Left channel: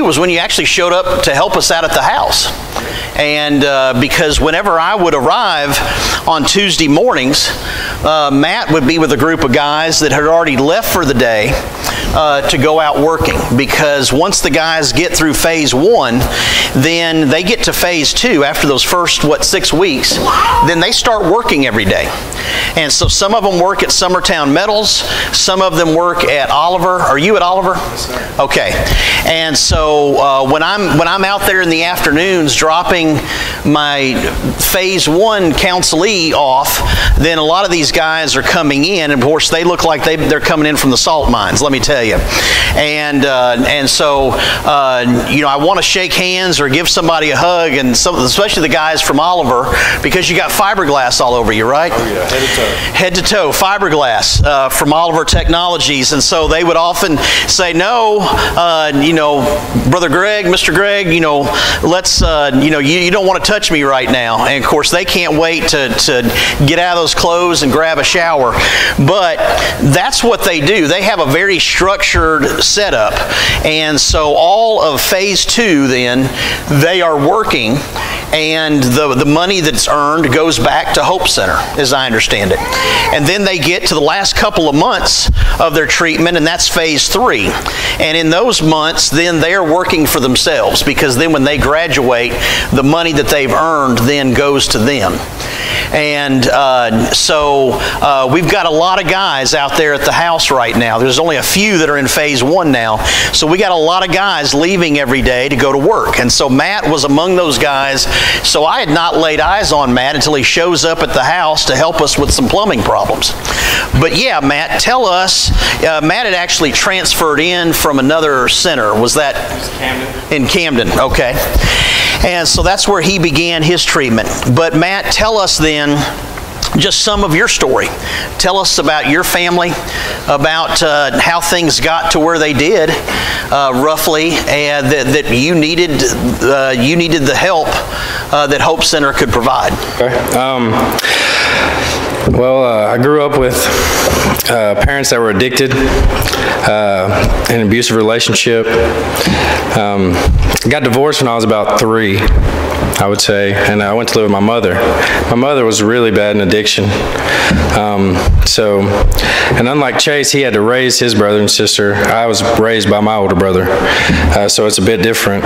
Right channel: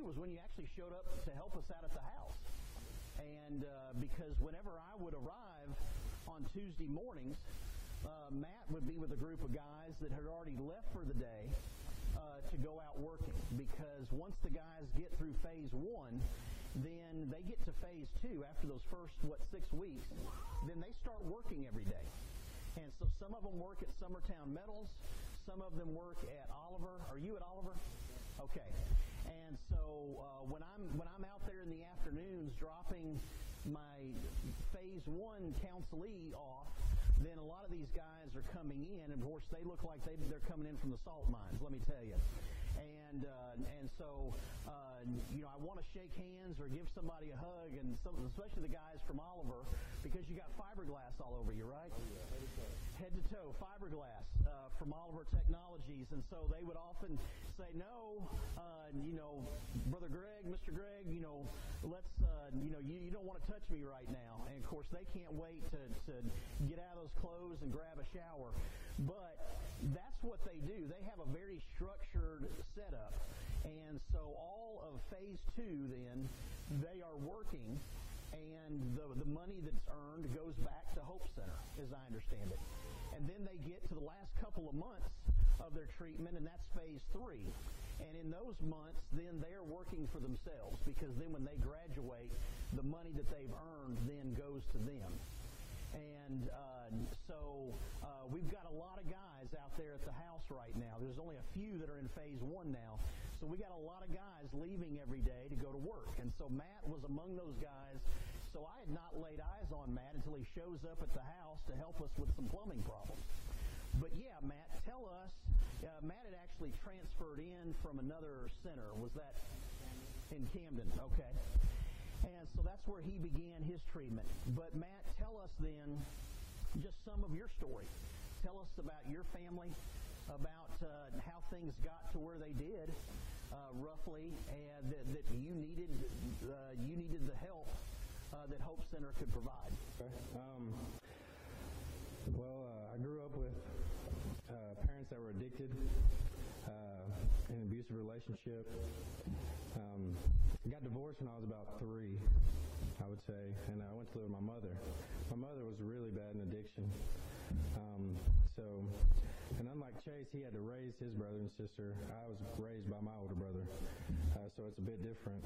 was when you actually showed up to help us out at the house. And because whenever I would arrive on Tuesday mornings, Matt would be with a group of guys that had already left for the day to go out working. Because once the guys get through phase 1, then they get to phase 2 after those first, 6 weeks, then they start working every day. And so some of them work at Summertown Metals, some of them work at Oliver. Are you at Oliver? Yes, sir. Okay. And so when I'm out there in the afternoons dropping my phase 1 counselee off, then a lot of these guys are coming in, and of course they look like they're coming in from the salt mines, let me tell you. And so I want to shake hands or give somebody a hug, and especially the guys from Oliver, because you got fiberglass all over you, right? Oh yeah, head to toe. Head to toe, fiberglass from Oliver Technologies. And so they would often say, no, Brother Greg, Mr. Greg, let's, you don't want to touch me right now. And of course they can't wait to get out of those clothes and grab a shower. But that's what they do. They have a very structured setup. And so all of phase 2 then, they are working, and the money that's earned goes back to Hope Center, as I understand it. And then they get to the last couple of months of their treatment, and that's phase 3. And in those months, then they are working for themselves, because then when they graduate, the money that they've earned then goes to them. And so we've got a lot of guys out there at the house right now. There's only a few that are in phase 1 now. So we got a lot of guys leaving every day to go to work. And so Matt was among those guys. So I had not laid eyes on Matt until he shows up at the house to help us with some plumbing problems. But yeah, Matt, tell us, Matt had actually transferred in from another center. Was that? Camden. In Camden, okay. And so that's where he began his treatment. But Matt, tell us then just some of your story. Tell us about your family, about how things got to where they did, roughly, and that you needed the help that Hope Center could provide. Okay. I grew up with parents that were addicted, an abusive relationship. Got divorced when I was about 3, I would say, and I went to live with my mother. My mother was really bad in addiction. And unlike Chase, he had to raise his brother and sister. I was raised by my older brother, so it's a bit different.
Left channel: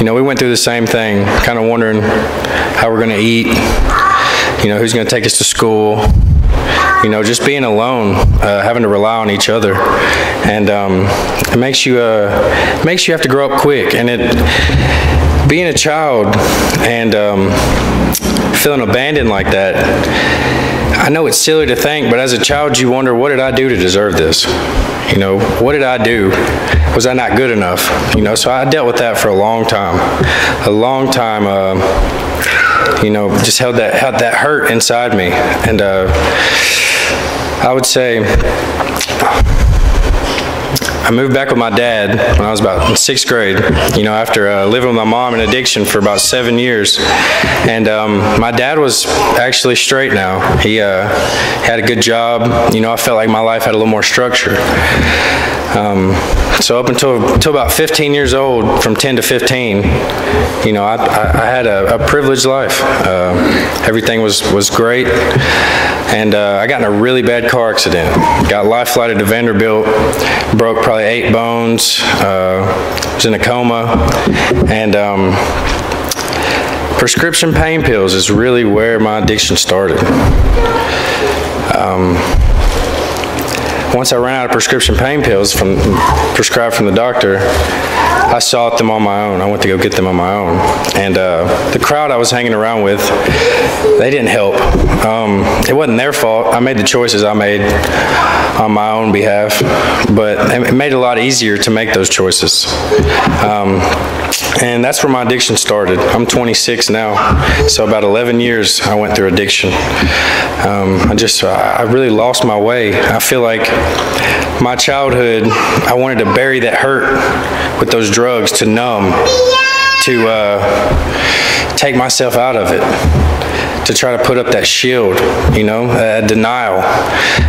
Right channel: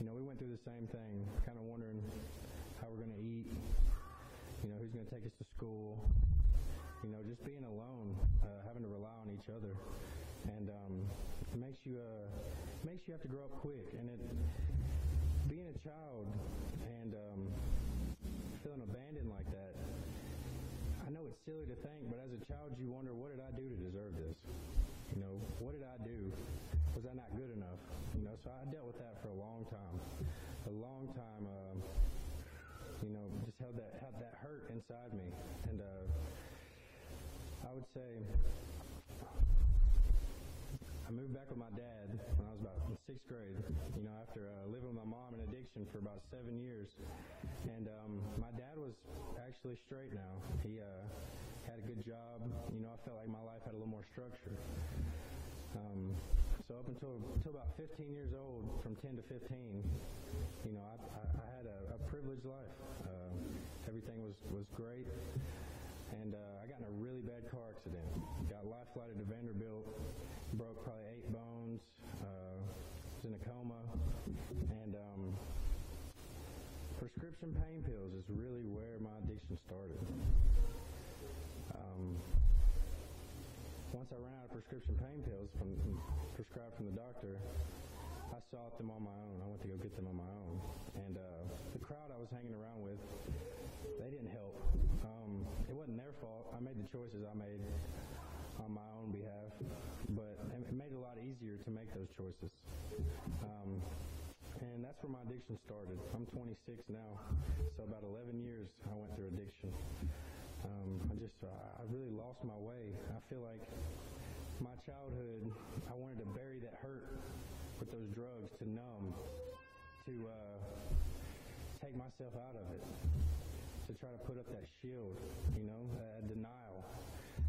We went through the same thing, kind of wondering how we're going to eat, who's going to take us to school, just being alone, having to rely on each other. And it makes you have to grow up quick. And being a child and feeling abandoned like that, I know it's silly to think, but as a child you wonder, what did I do to deserve this? What did I do? Was I not good enough? So I dealt with that for a long time. Just held that hurt inside me. And I would say I moved back with my dad when I was about in 6th grade, after living with my mom in addiction for about 7 years. And my dad was actually straight now. He had a good job. I felt like my life had a little more structure. So up until about 15 years old, from 10 to 15, I had a privileged life. Everything was great. And I got in a really bad car accident. Got life flighted to Vanderbilt, broke probably 8 bones, was in a coma. And prescription pain pills is really where my addiction started. Once I ran out of prescription pain pills prescribed from the doctor, I sought them on my own. I went to go get them on my own. And the crowd I was hanging around with, they didn't help. It wasn't their fault. I made the choices I made on my own behalf, but it made it a lot easier to make those choices. And that's where my addiction started. I'm 26 now, so about 11 years I went through addiction. I really lost my way. I feel like my childhood, I wanted to bury that hurt with those drugs to numb, to take myself out of it, to try to put up that shield, denial,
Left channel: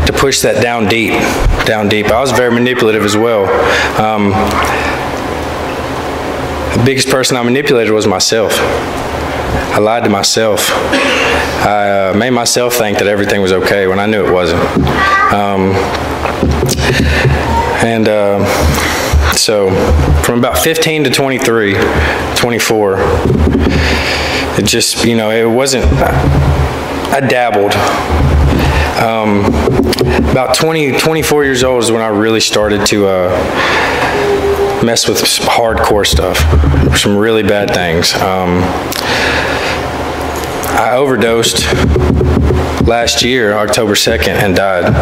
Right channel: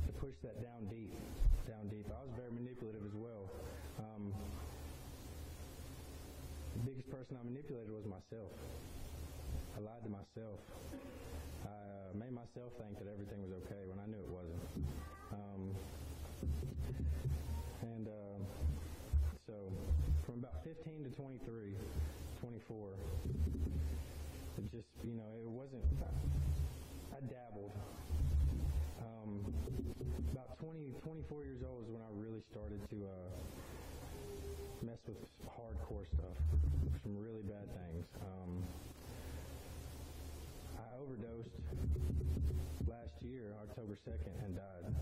to push that down deep. I was very manipulative as well. The biggest person I manipulated was myself. I lied to myself. I made myself think that everything was okay when I knew it wasn't. So from about 15 to 23, 24, it just, it wasn't, I dabbled. About 24 years old is when I really started to mess with some hardcore stuff, some really bad things. I overdosed last year, October 2nd, and died.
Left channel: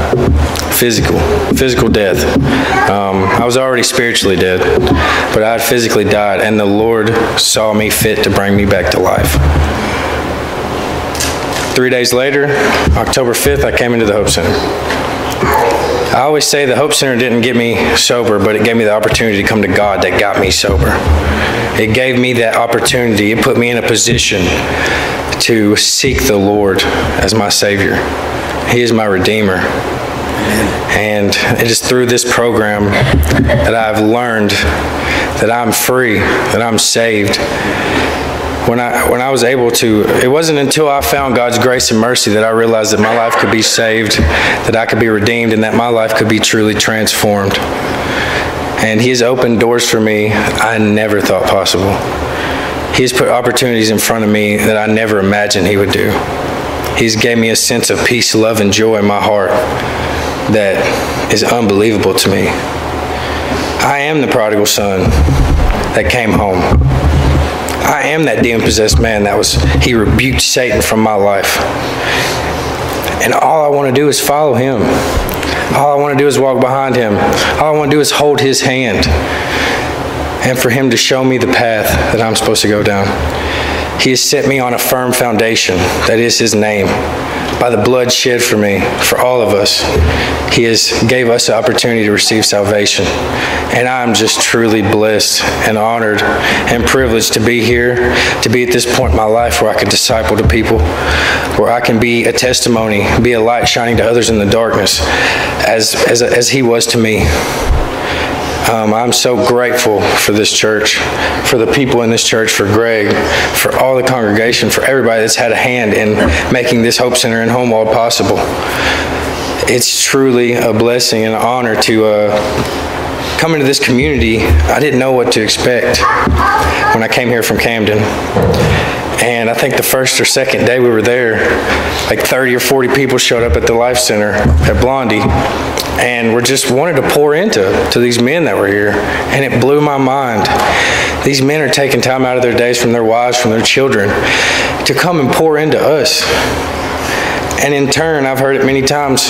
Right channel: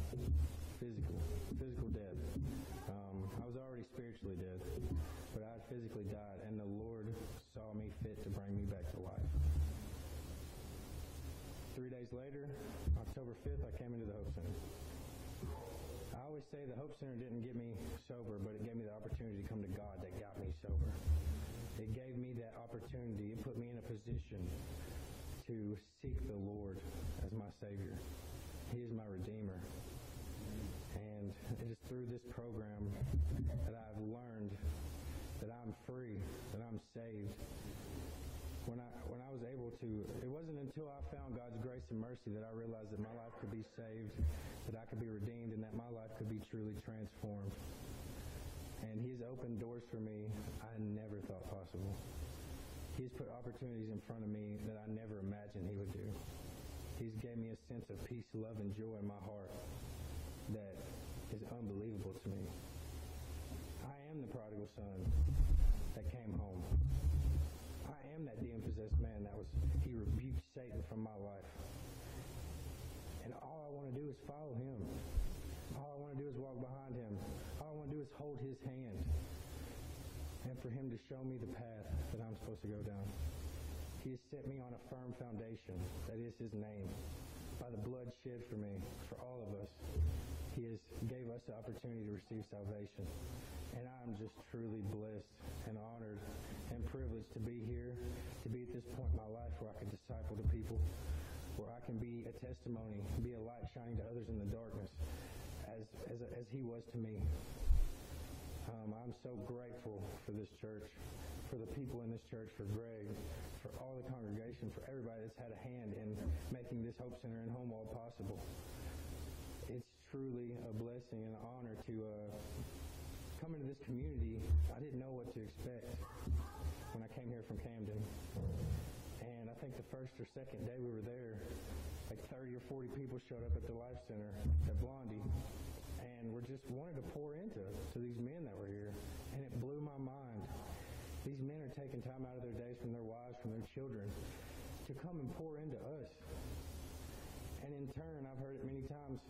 Physical death. I was already spiritually dead, but I had physically died, and the Lord saw me fit to bring me back to life. 3 days later, October 5th, I came into the Hope Center. I always say the Hope Center didn't get me sober, but it gave me the opportunity to come to God that got me sober. It gave me that opportunity. It put me in a position to seek the Lord as my Savior. He is my Redeemer. And it is through this program that I've learned that I'm free, that I'm saved. When I was able to, it wasn't until I found God's grace and mercy that I realized that my life could be saved, that I could be redeemed, and that my life could be truly transformed. And He has opened doors for me I never thought possible. He has put opportunities in front of me that I never imagined He would do. He's gave me a sense of peace, love, and joy in my heart that is unbelievable to me. I am the prodigal son that came home. I am that demon-possessed man He rebuked Satan from my life. And all I want to do is follow Him. All I want to do is walk behind Him. All I want to do is hold His hand and for Him to show me the path that I'm supposed to go down. He has set me on a firm foundation, that is His name. By the blood shed for me, for all of us, He gave us the opportunity to receive salvation. And I'm just truly blessed and honored and privileged to be here, to be at this point in my life where I can disciple to people, where I can be a testimony, be a light shining to others in the darkness, as He was to me. I'm so grateful for this church, for the people in this church, for Greg, for all the congregation, for everybody that's had a hand in making this Hope Center in Homewold possible. It's truly a blessing and an honor to come into this community. I didn't know what to expect when I came here from Camden. And I think the first or second day we were there, like 30 or 40 people showed up at the Life Center at Blondie. And we just wanted to pour into these men that were here. And it blew my mind. These men are taking time out of their days from their wives, from their children, to come and pour into us. And in turn, I've heard it many times,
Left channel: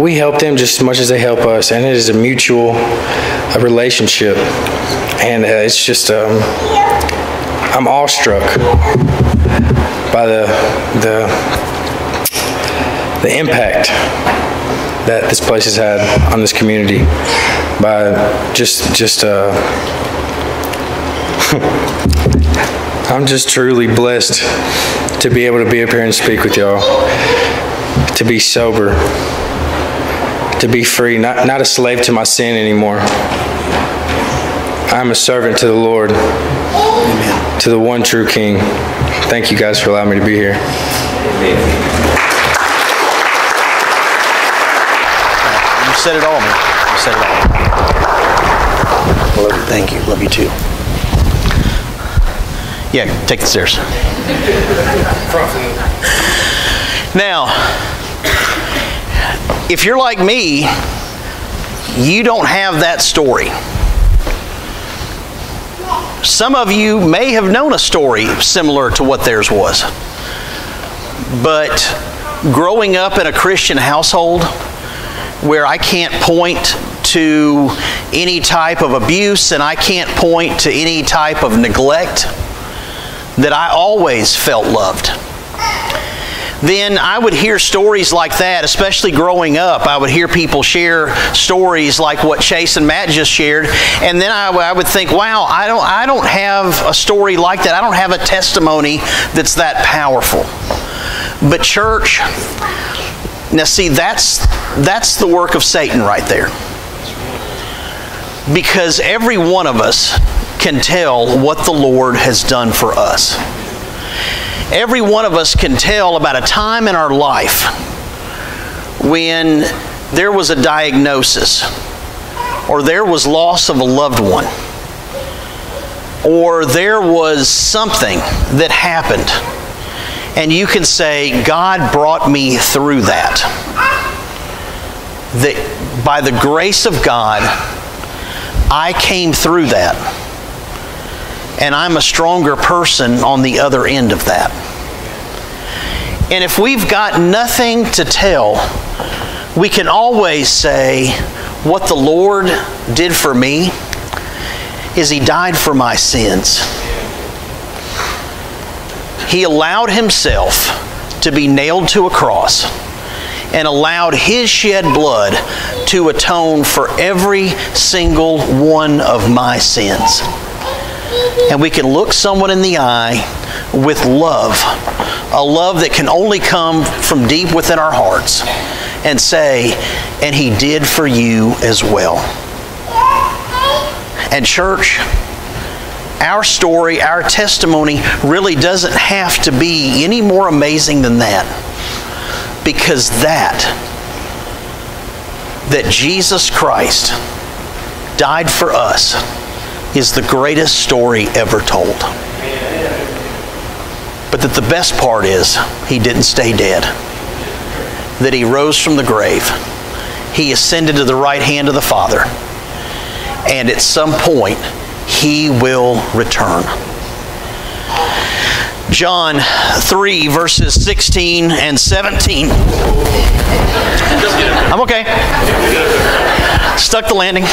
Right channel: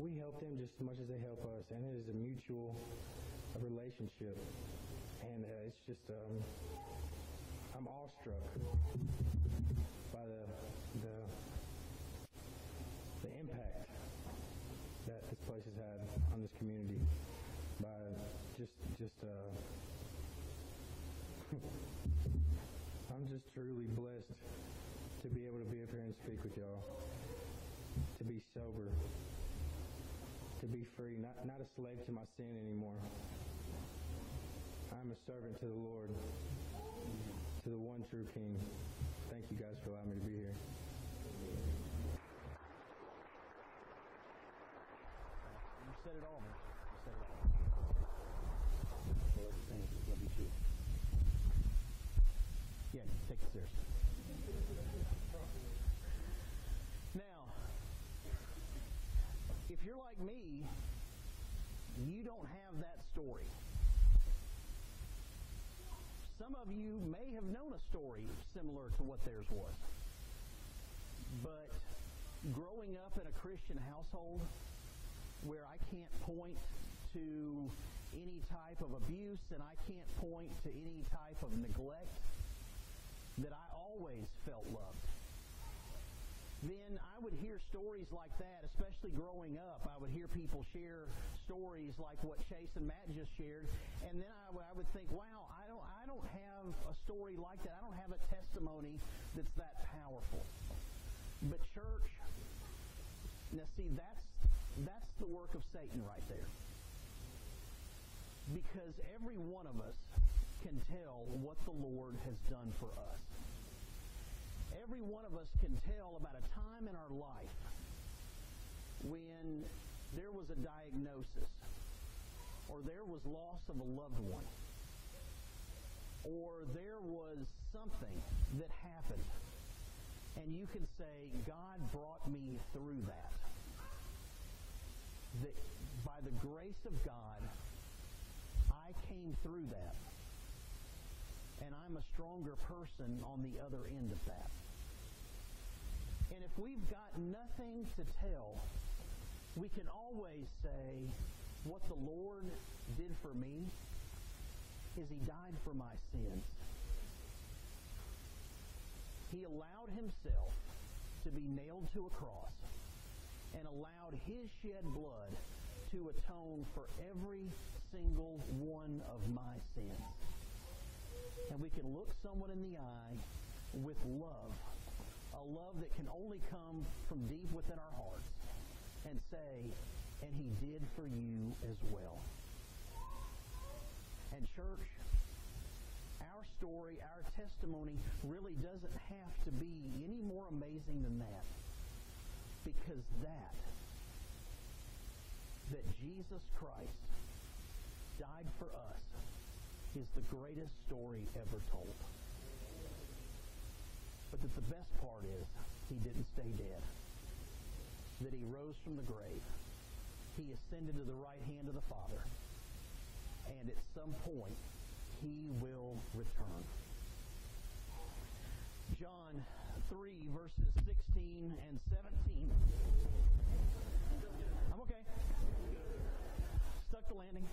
we help them just as much as they help us. And it is a mutual relationship. And it's just, I'm awestruck by the impact that this place has had on this community, by I'm just truly blessed to be able to be up here and speak with y'all, to be sober, to be free, not a slave to my sin anymore. I'm a servant to the Lord, Amen. To the one true King. Thank you guys for allowing me to be here. Amen. You said it all, man. You said it all. Love you. Thank you. Love you too. Yeah, take the stairs. Now, if you're like me, you don't have that story. Some of you may have known a story similar to what theirs was. But growing up in a Christian household where I can't point to any type of abuse and I can't point to any type of neglect, that I always felt loved. Then I would hear stories like that, especially growing up. I would hear people share stories like what Chase and Matt just shared, and then I would think, wow, I don't have a story like that. I don't have a testimony that's that powerful. But church, now see, that's the work of Satan right there. Because every one of us can tell what the Lord has done for us. Every one of us can tell about a time in our life when there was a diagnosis, or there was loss of a loved one, or there was something that happened, and you can say, God brought me through that. That by the grace of God, I came through that, and I'm a stronger person on the other end of that. And if we've got nothing to tell, we can always say, what the Lord did for me is He died for my sins. He allowed Himself to be nailed to a cross and allowed His shed blood to atone for every single one of my sins. And we can look someone in the eye with love, a love that can only come from deep within our hearts, and say, and He did for you as well. And church, our story, our testimony really doesn't have to be any more amazing than that. Because that Jesus Christ died for us is the greatest story ever told. But that the best part is, He didn't stay dead. That He rose from the grave. He ascended to the right hand of the Father. And at some point, He will return. John 3, verses 16 and 17. I'm okay. Stuck the landing.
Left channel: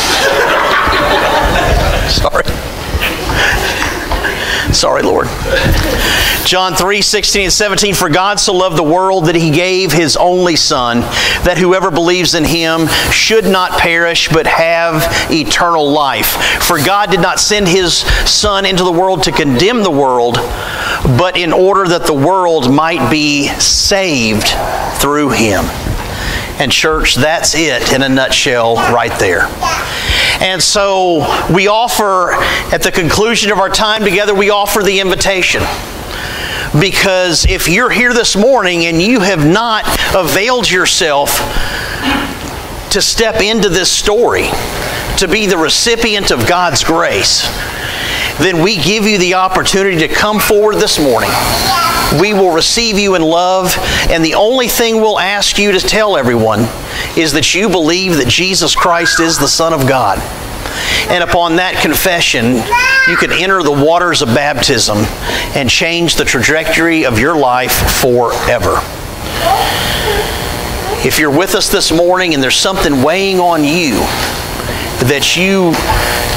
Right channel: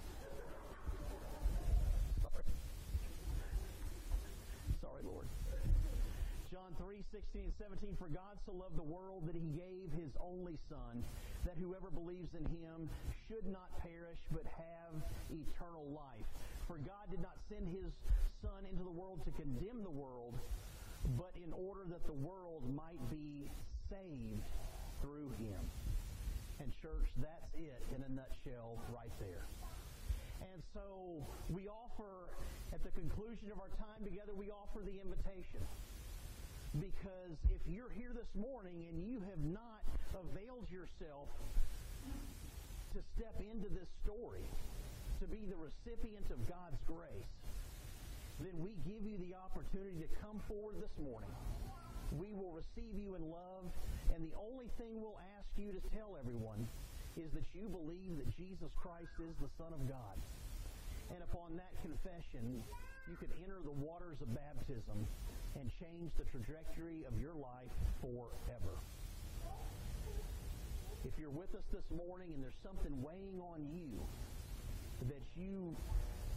Sorry, Lord. John 3, 16 and 17, for God so loved the world that He gave His only Son, that whoever believes in Him should not perish but have eternal life. For God did not send His Son into the world to condemn the world, but in order that the world might be saved through Him. And church, that's it in a nutshell right there. And so we offer, at the conclusion of our time together, we offer the invitation. Because if you're here this morning and you have not availed yourself to step into this story, to be the recipient of God's grace, then we give you the opportunity to come forward this morning. We will receive you in love, and the only thing we'll ask you to tell everyone is that you believe that Jesus Christ is the Son of God. And upon that confession, you can enter the waters of baptism and change the trajectory of your life forever. If you're with us this morning and there's something weighing on you, that you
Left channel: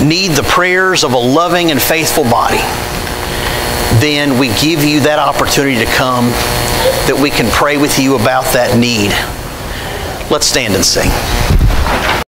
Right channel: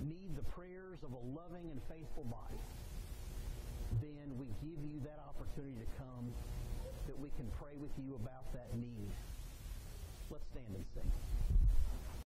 need the prayers of a loving and faithful body, then we give you that opportunity to come, that we can pray with you about that need. Let's stand and sing.